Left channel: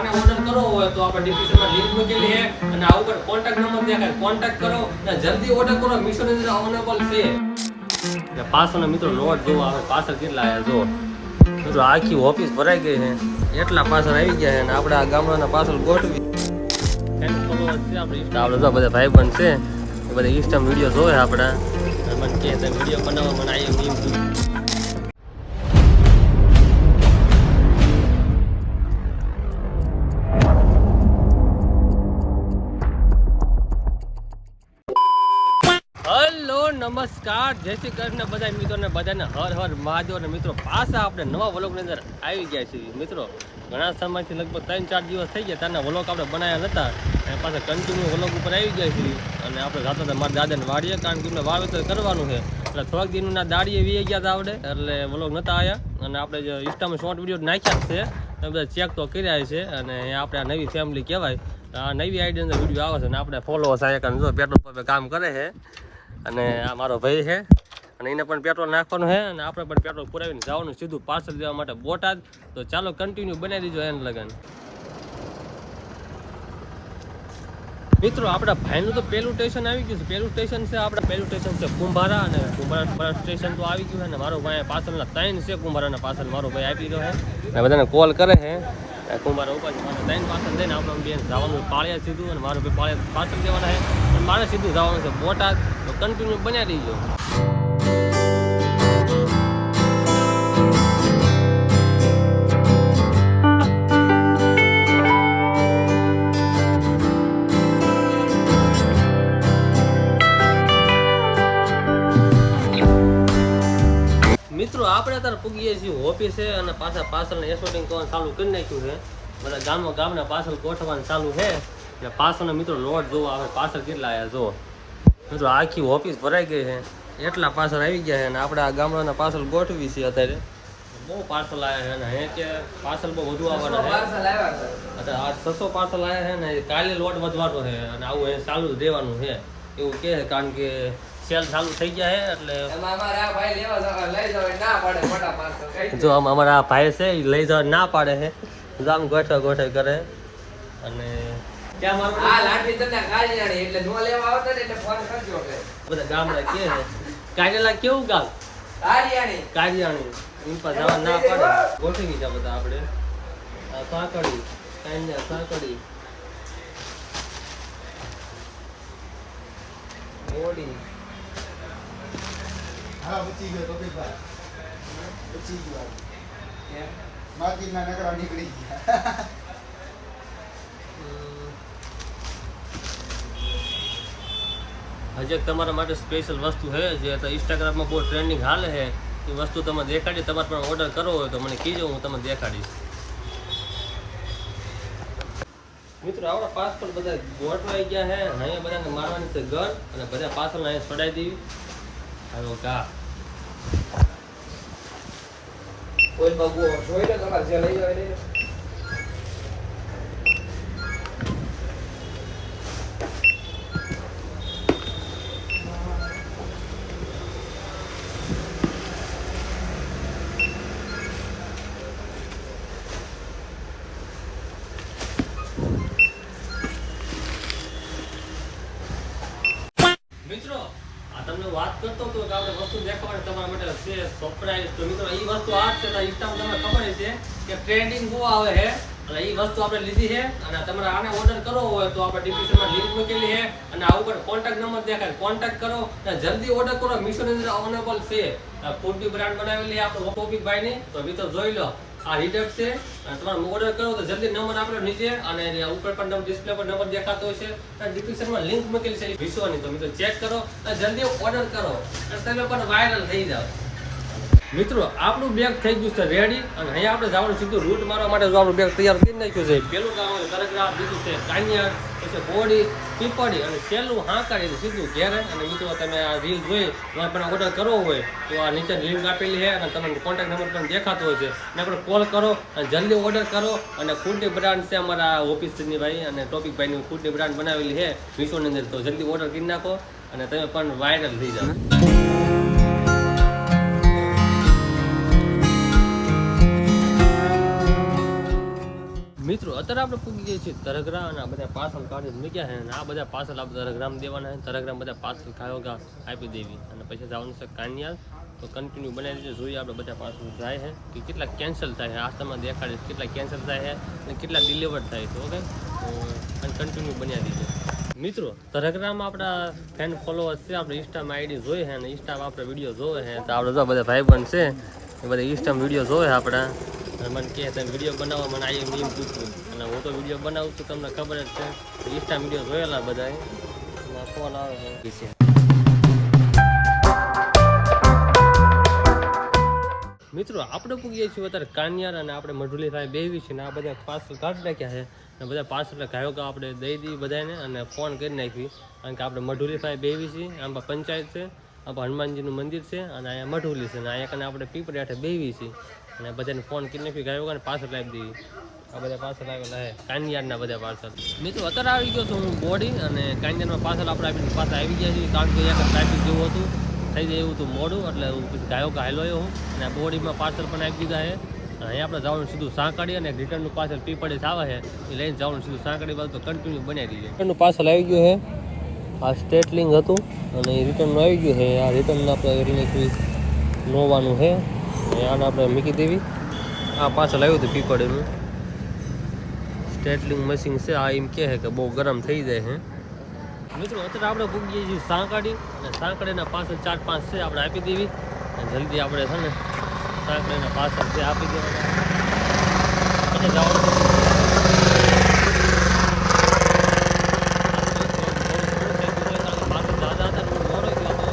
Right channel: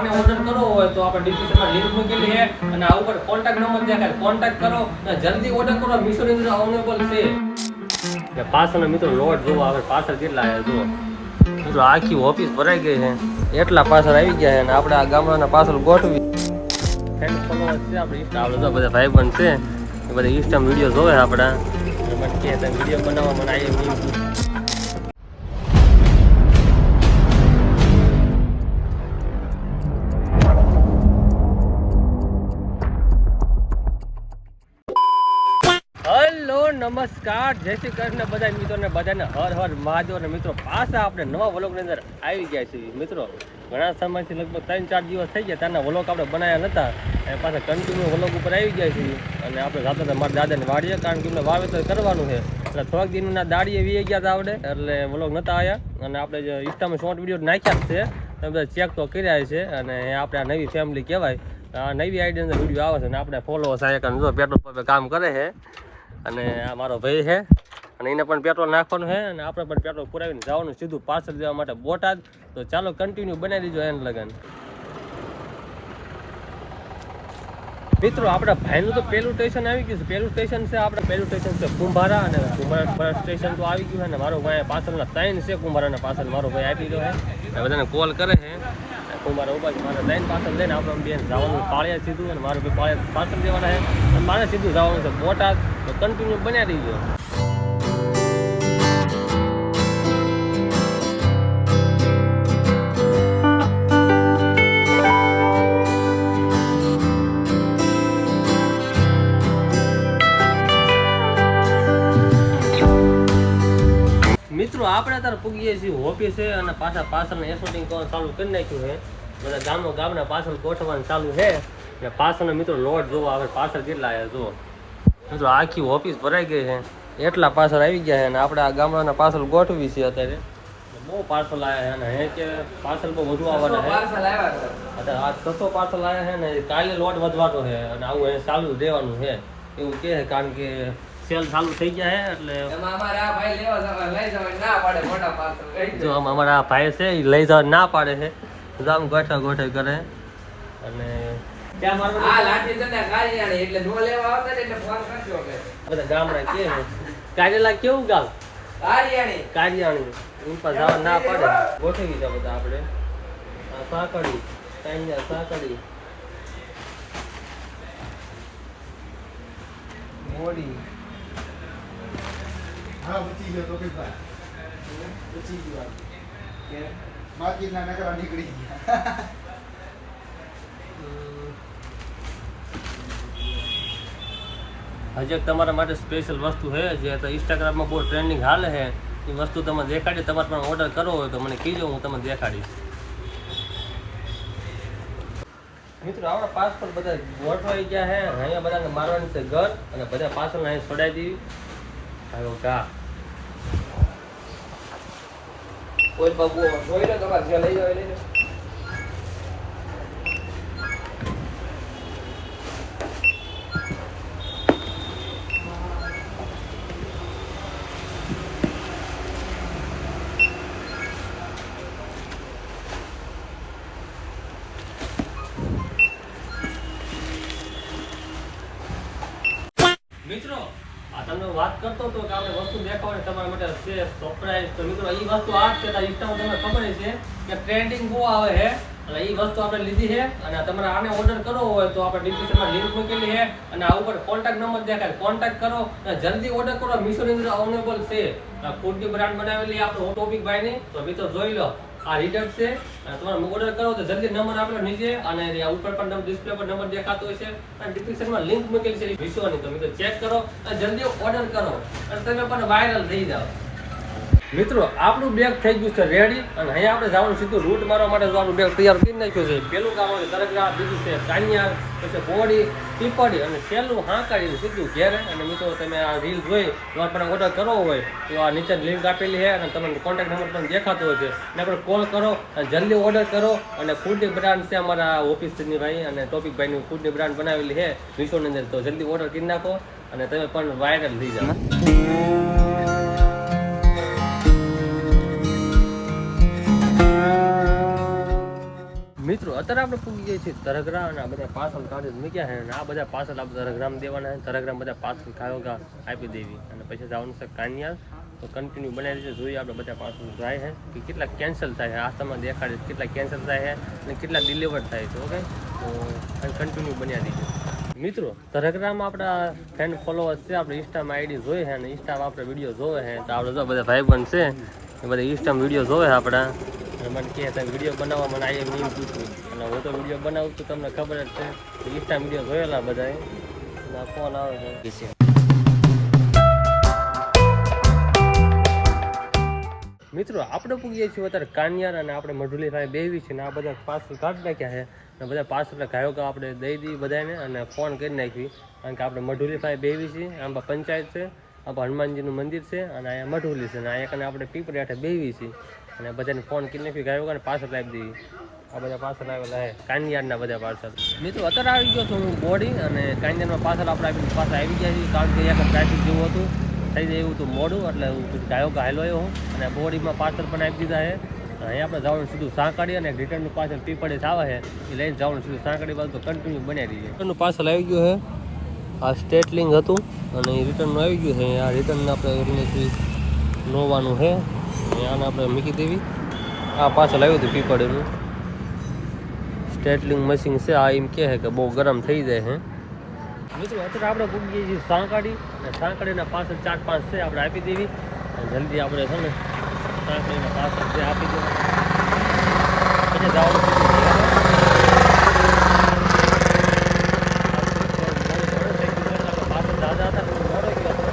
આને ઓર્ડર કરવો હોય તો આપણે ડિસ્ક્રિપ્શનમાં લિંક મૂકેલી છે અને આ ઉપર કોન્ટેક્ટ નંબર દેખાય, કોન્ટેક્ટ કરો અને જલ્દી ઓર્ડર કરો. મીશોની અંદર અવેલેબલ છે. પાછળનો મિત્રો લોડ જોવો આવે, પાછળ કેટલા આવે જો મિત્રો, આખી ઓફિસ ભરાઈ ગઈ છે, એટલા પાછળ આવી ગયા છે અને આપણે આ ગામડાના પાછળ ગોઠવી બધા ભાઈ પણ છે એ બધા ઇન્સ્ટામાં વિડીયો જોવે આપણા, મને કહે વિડીયો બનાવવા મને આવી નમસ્કાર, જય શ્રી કૃષ્ણ બધા મિત્રોને, બધાને હર હર મહાદેવ. અને મિત્રો પાછા આપણે નવા વ્લોગની અંદર આવી ગયા છીએ. મિત્રો ઘણા સમયથી લગભગ 3-4 દિવસ થઈ ગયા ત્યાંના વ્લોગ આપણે બનાવ્યા નહોતા અને પાછા કન્ટિન્યુ વ્લોગ ઉપર આવી ગયા છીએ. અને આપણે જતા હતા મારા દાદાને વાડીએ, કારણ કે એમને વાવેતર કરવાનું છે એટલે થોડાક દિનના દાડીએ વી ગયા હતા આપણે, એટલે વ્લોગ નહોતા આવ્યા. અને આપણે જે ઇન્સ્ટામાં શોર્ટ વિડીયો નાખ્યા છે તમે બધા ચેક તો કર્યા છે. અને આપણે આ નવી ફેમિલી કહેવાય, આ નવી આઈડિયા અંદર વિડીયો આવે છે અને આપણે ફોલોઅર્સ આવ્યા, કારણ જો પેટ્રોલ પંપે કામ કરે છે અને આ મારો ભાઈ છે અને એને પણ પેટ્રોલ નાખવાનું છે અને આપણે પણ પેટ્રોલ પુરાવીને જવાનું સીધું પાર્સલ દેવા માટે બોટાદ. તો ચાલો કન્ટિન્યુ બનાવી દીજો એન લગન. મિત્રો આપણા ભાઈનું તો પહેલું સ્ટેશન આવી ગયું છે. પહેલું સ્ટેશન છે આપણે, પહેલું સ્ટેશન છે કુંભારા, અને કુંભારા સ્ટેશન તો આવી ગયું છે. અને મારો ભાઈ પાછળના 3 છે કુંભારાના પાછળ મારો ભાઈ આપી રહ્યો છે અને બધાને કોલ કરે છે. કુંભારા ઉભા છે, મારે 3 પાછળ દઈને આપણે બેન જવાનું પાળિયા સીધું, અને મારું ભાઈ પાળિયા પાછળ જવાના છે અને મારે સીધું જવાનું છે બોટાદ. તો કન્ટિન્યુ બનાવી દીજો. મિત્રો આપણે અત્યારે પૂગીએ છીએ ઓફિસે અને પાછા પાછળને શૂટિંગ કરવાનું ચાલુ કરી નાખ્યું છે. બધા ગામના પાછળ ગોઠવવાનું ચાલુ છે અને પાછળનો મિત્રો લોડ જોવો આવે, પાછળ કેટલા આવ્યા જુઓ મિત્રો, આખી ઓફિસ ભરાઈ ગઈ છે, એટલા પાછળ આવી ગયા છે. અને આપણે આ ગામડાના પાછળ ગોઠવી છીએ અત્યારે. બહુ પાર્સલ આવ્યા છે અને હે કે પાર્સલ બહુ વધુ આવવાના છે. અત્યારે આ 600 પાર્સલ આવ્યા છે ને કાલે લોડ વધવાનો છે અને આવું અહીં ચાલુ જ રહેવાનું છે એવું કહે છે, કારણ કે સેલ ચાલુ થઈ જાય એટલે જો અમારા આ ભાઈ છે એ લઈ જવા ના પાડે છે, આમ ગોઠા કરે. અને ત્યાં બધા ગામડા કે છે કારેલા કેવું ગાલ કારિયાણી એમ પર જવા ના પાડે. ગોઠવી ગયા બધા આપણે સાંકળી સાંકળી મોડી. હા પછી ગયો તો ભાઈ પછી ગયો માર્કેટના નકરા નીકળી ગયા. હજી એક તમારા માટે સ્પેશિયલ વસ્તુ છે જે ઇન્સ્ટાગ્રામમાં બહુ ટ્રેન્ડિંગ હાલે છે. એ વસ્તુ તમે દેખાડી, તમારે પણ ઓર્ડર કરવો હોય તો મને કીજો, હું તમને દેખાડીશ. મિત્રો આપણા પાસપોર્ટ બધા ગોઠવાઈ ગયા છે, અહીંયા બધાને મારવાની છે ઘર અને બધા પાછળ અહીંયા છોડાઈ દેવી. હાલો કા કોઈ બાબુ જોઈ લો તમારે જે લઈ જાવ. મિત્રો આ તમને વાત કરતો હતો કે આપણે વસ્તુ દેખાવાની તમારા માટે છે સરપ્રાઈઝ. તો મિત્રો એ વસ્તુ આ છે, ઇન્સ્ટામાં તમને ખબર છે કે ટ્રેન્ડિંગ બહુ આવે છે એટલે એ વસ્તુ આપણે લીધી છે. અને તમારે આને ઓર્ડર કરવો હોય તો આપણે ડિસ્ક્રિપ્શનમાં લિંક મૂકેલી છે અને આ ઉપર કોન્ટેક્ટ નંબર દેખાય, કોન્ટેક્ટ કરો અને જલ્દી ઓર્ડર કરો. મીશોની અંદર અવેલેબલ છે, ફૂડની બ્રાન્ડ બનાવેલી આપણે ટોપિક બાયની. તો મિત્રો જોઈ લો, આ રીડર છે અને તમારે ઓર્ડર કરો તો જલ્દી નંબર આપણે નીચે અને ઉપર પણ ડિસ્પ્લે પર નંબર દેખાતો હોય છે અને ડિસ્ક્રિપ્શનમાં લિંક મૂકેલી છે વિશ્વની. તો મિત્રો ચેક કરો અને જલ્દી ઓર્ડર કરો અને તમે પણ વાયરલ થઈ જાઓ. મિત્રો આપણું બેગ થઈ ગયું છે રેડી અને અહીંયા આપણે જવાનું સીધું રૂટ મારવા માટે જો આપણું બેગ તૈયાર કરી નાખ્યું છે. પેલું કામ આવે તરગરા, બીજું છે કાનિયાર, પછી બોડી, પીપળી અને છેલ્લું હાંકાડીને સીધું ઘેરે. અને મિત્રો તમે આ રીલ જોઈ તમારે પણ ઓર્ડર કરવો હોય તો આ નીચે લિંક આપેલી છે અને તમને કોન્ટેક્ટ નંબર પણ દેખાતો હોય છે અને આપણે કોલ કરો અને જલ્દી ઓર્ડર કરો. અને ફૂડની બ્રાન્ડ છે અમારા ઓફિસની ભાઈ અને ટોપિક ભાઈની ફૂડની બ્રાન્ડ બનાવેલી છે વિશ્વની અંદર. તો જલ્દી ઓર્ડર કરી નાખો અને તમે પણ વાયરલ થઈ જાઓ. મિત્રો અત્યારે આપણે પૂગી જઈએ છીએ તરગરા અને આ બધા પાર્સલ કાઢી મૂક્યા છે અને આ બધા પાર્સલ આપણે તરગરામ દેવાના છે. તરગરામ બધા પાર્સલ ખાયોગા આપી દેવી અને પછી જવાનું છે કાનિયાર. તો કન્ટિન્યુ બનાવી દેજો. જોઈએ આપણે બધા પાર્સલ જાય છે કે કેટલા કેન્સલ થાય છે. આ તમને દેખાડીશ કેટલા કેન્સલ થાય છે અને કેટલા ડિલિવર થાય છે. ઓકે, તો અને કન્ટિન્યુ બનાવી દીધો. મિત્રો તરગરામાં આપણા ફેન ફોલોઅર્સ છે. આપણે ઇન્સ્ટામાં આઈડી જોઈએ છે અને ઇન્સ્ટામાં આપણે વિડીયો જોવે છે. તો આપણે જો બધા ભાઈબંધ છે એ બધા ઇન્સ્ટામાં વિડીયો જોવે છે આપણા. અને મને કહે તમે વિડીયો બનાવવા મને આ એમ પૂછ્યું અને હું તો વિડીયો બનાવું તો તમને ખબર જ છે. ઇન્સ્ટા વિડીયો જોયેલા બધાએ ફોન આવે છે. મિત્રો આપણે પૂગીએ છીએ અત્યારે કાનિયાર અને આપણે મઢુલી ભાઈ બેવી છે ને આ બધા પાર્સલ કાઢી નાખ્યા છે અને બધા પાર્સલ ગાયો આપણે દઈ દઈએ બધાને અને ફોન કરી નાખી. કારણ કે આપણે મઢુલી ભાઈ બેવી છીએ. આમ પંચાયત છે, આ હનુમાનજીનું મંદિર છે અને અહીંયા મઢુલી છે અને અહીંયા આપણે પીપળી આઠે બેવી છીએ અને બધાને ફોન કરી નાખી ગાયો અને પાર્સલ આપી દઈએ. આ બધા પાર્સલ આવેલા છે કાનિયારના બધા પાર્સલ. મિત્રો અત્યારે આવી ગયો છું હું બોડી અને કાનિયારમાં પાર્સલ આપણે આપીને પાછા આવી ગયા છીએ. કારણ કે અહીંયા ટ્રાફિક જેવું હતું, થઈ જાય એવું હતું મોડું એટલે હું પછી ગાયો હાલો આવ્યો હું અને બોડીમાં પાર્સલ પણ આપી દીધા છે. અહીંયા આપણે જવાનું સીધું સાંકળી અને રિટર્નનું પાર્સલ પીપળે આવે છે એ લઈને જવાનું સીધું સાંકળી બાજુ તો કન્ટિન્યુ બનાવી દીધું. રિટર્નનું પાર્સલ આવી ગયું છે. આ સ્ટેટલિંગ હતું અને એ રિટર્નનું આવી ગયું છે. આ રિટર્ન આપણે નોવાનું છે આને આપણે મૂકી દેવી. આ પાર્સલ આવ્યું હતું પીપળેનું સ્ટેટલિંગ મશીન છે. આ એમ કહે છે કે બહુ ગરમ થઈ જાય છે. મિત્રો અત્યારે આપણે પૂગીએ છીએ સાંકળી અને સાંકળીના પાર્સલ 4-5 છે આપણે આપી દેવી અને જલ્દી આપણે છે ને સાંકળીના પાર્સલ છે આપી દેવાના પછી જવાનું છે પાર્સલ દાદા હતા ને મોડો ગયો હતો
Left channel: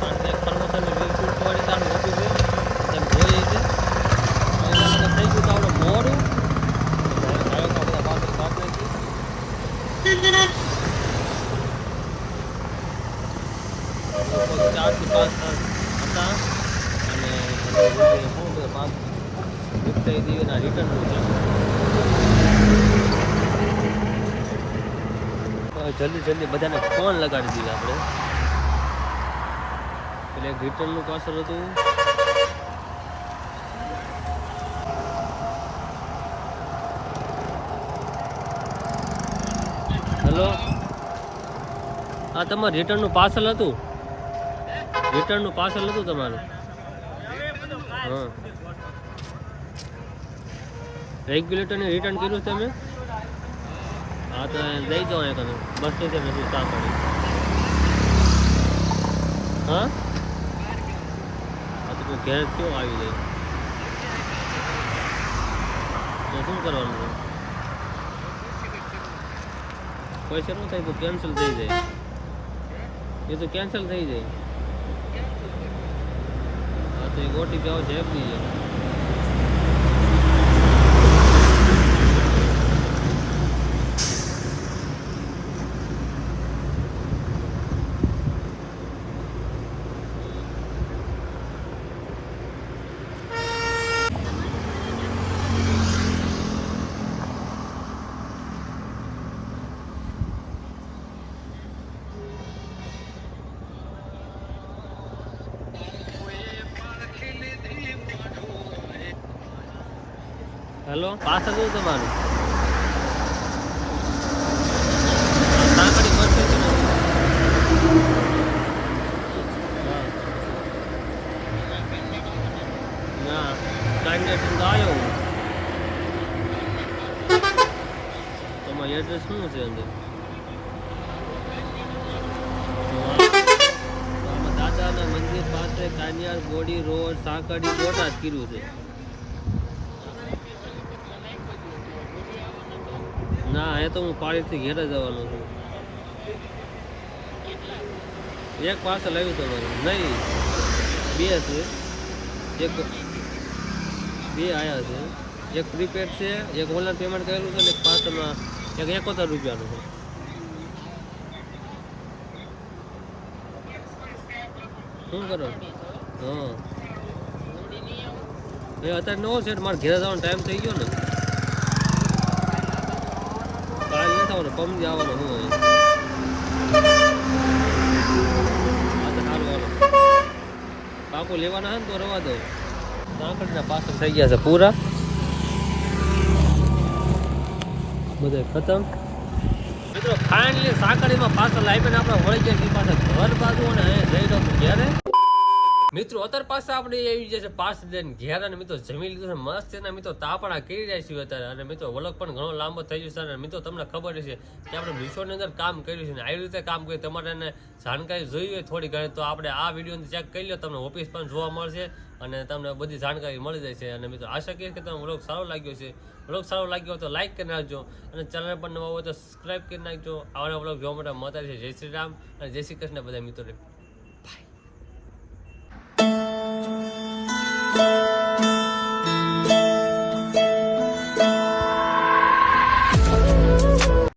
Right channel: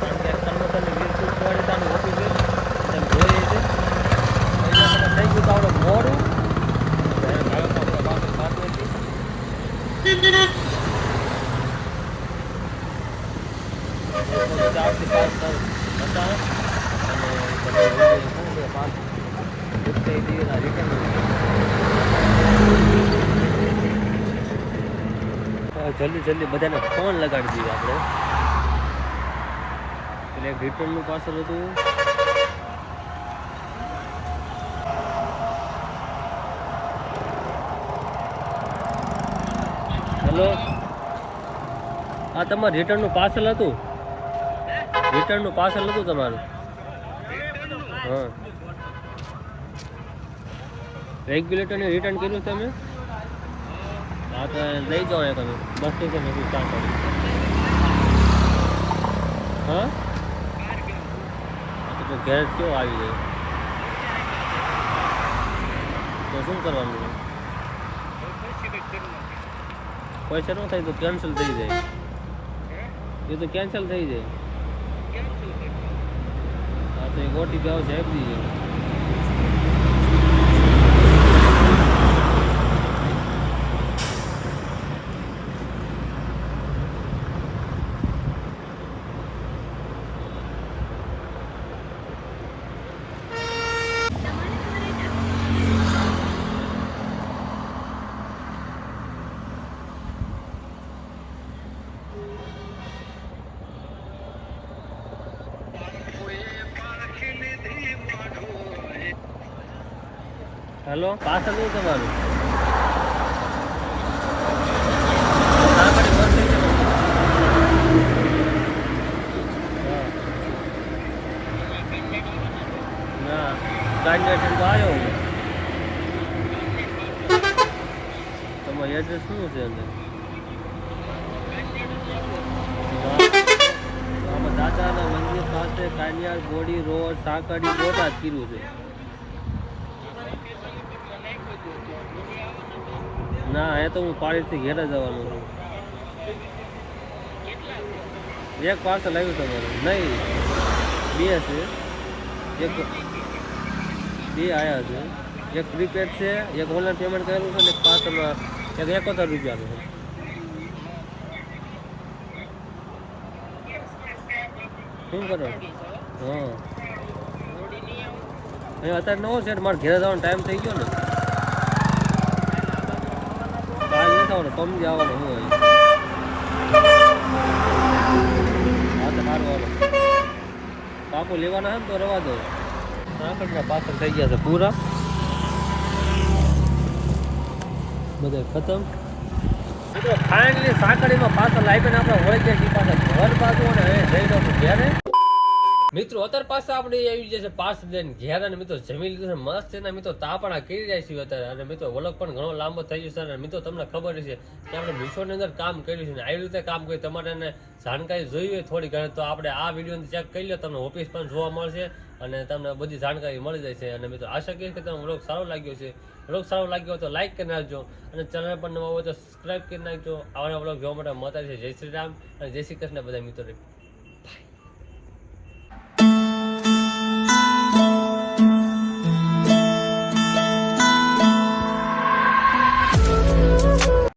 કારણ કે પ્રમોશનની રીલ શૂટ કરવાની તાનું ઓફિસ છે તેમ જોઈએ છે એના કરતાં થઈ ગયું તો આપણે મોડું બધા પાર્સલ કાપી નાખ્યું. 4 થી 5 હતા અને બધા પાંચ રિપ્લાય દઈએ એના રિટર્નનું છે. જલ્દી બધાને ફોન લગાડી દઈએ આપણે. એટલે એક રિટર્નનું પાર્સલ હતું. હેલો, આ તમારું રિટર્નનું પાર્સલ હતું. રિટર્નનું પાર્સલ હતું તમારું. હા, રેગ્યુલેટરને રિટર્ન કર્યું તમે? હા તો લઈ જાઓ એક તમે બસ સ્ટેશન નથી સાંકળી. હા હા તો ઘેર કયો આવી જાય તો શું કરવાનું છે? પૈસા ન થાય તો કેન્સલ થઈ જાય. એ તો કેન્સલ થઈ જાય. હા તો એક ઓટીપી આવશે આપી દીજો. હેલો, પાછળ શું તમારું? સાંકળી બસ સ્ટેશન ના ગાંધીનગર તો આવ્યો હું. તમારું એડ્રેસ શું છે અંદર? આમાં દાદાના મંદિર પાસે કાનિયાર બોડી રોડ સાંકળી બોટાદ કર્યું છે. ના એ તો હું પાડીથી ઘેર જવાનું છું. એક પાર્સલ આવ્યું તમારું? નહીં, 2 છે. એક 2 આવ્યા છે. એક પ્રીપેડ છે, એક ઓનલાઈન પેમેન્ટ કરેલું છે ને એક પાર્સલમાં એક 71 રૂપિયાનું છે. શું કરો? હા અત્યારે નવો છે મારે ઘેર જવાનો ટાઈમ થઈ ગયો ને. કાલ નથી આવવાનો, પમજી આવવાનો હું હોય. હા તો સારું હાલો. પાકું લેવાના છે ને તો રવા દો. સાંકળના પાર્સલ થઈ ગયા છે પૂરા. બધે ખતમ મિત્રો ફાઇનલી સાંકળીમાં પાછળ આવીને આપણે વળી ગયા છીએ પાછા ઘર બાજુ અને જઈ રહ્યો છું ઘેરે મિત્રો અત્યારે પાસે આપણે આવી જશે પાસ લઈને ઘેર અને મિત્રો જમી લીધું છે મસ્ત એના મિત્રો તાપણા કરી રહ્યા છીએ અત્યારે અને મિત્રો વલક પણ ઘણો લાંબો થઈ જશે અને મિત્રો તમને ખબર છે કે આપણે મીશોની અંદર કામ કર્યું છે ને આવી રીતે કામ કર્યું તમારે એને જાણકારી જોઈ હોય થોડી ઘણી તો આપણે આ વિડીયો ચેક કરી લો તમને ઓફિસ પણ જોવા મળશે અને તમને બધી જાણકારી મળી જાય છે અને મિત્રો આશા કરીએ કે તમને વ્લોગ સારો લાગ્યો છે વ્લોગ સારો લાગ્યો હોય તો લાઈક કરી નાખજો અને ચેનલ પર નવા હોય તો સબસ્ક્રાઈબ કરી નાખજો આવા વ્લોગ જોવા માટે મળતા છે જય શ્રી રામ અને જય શ્રી કૃષ્ણ બધા મિત્રો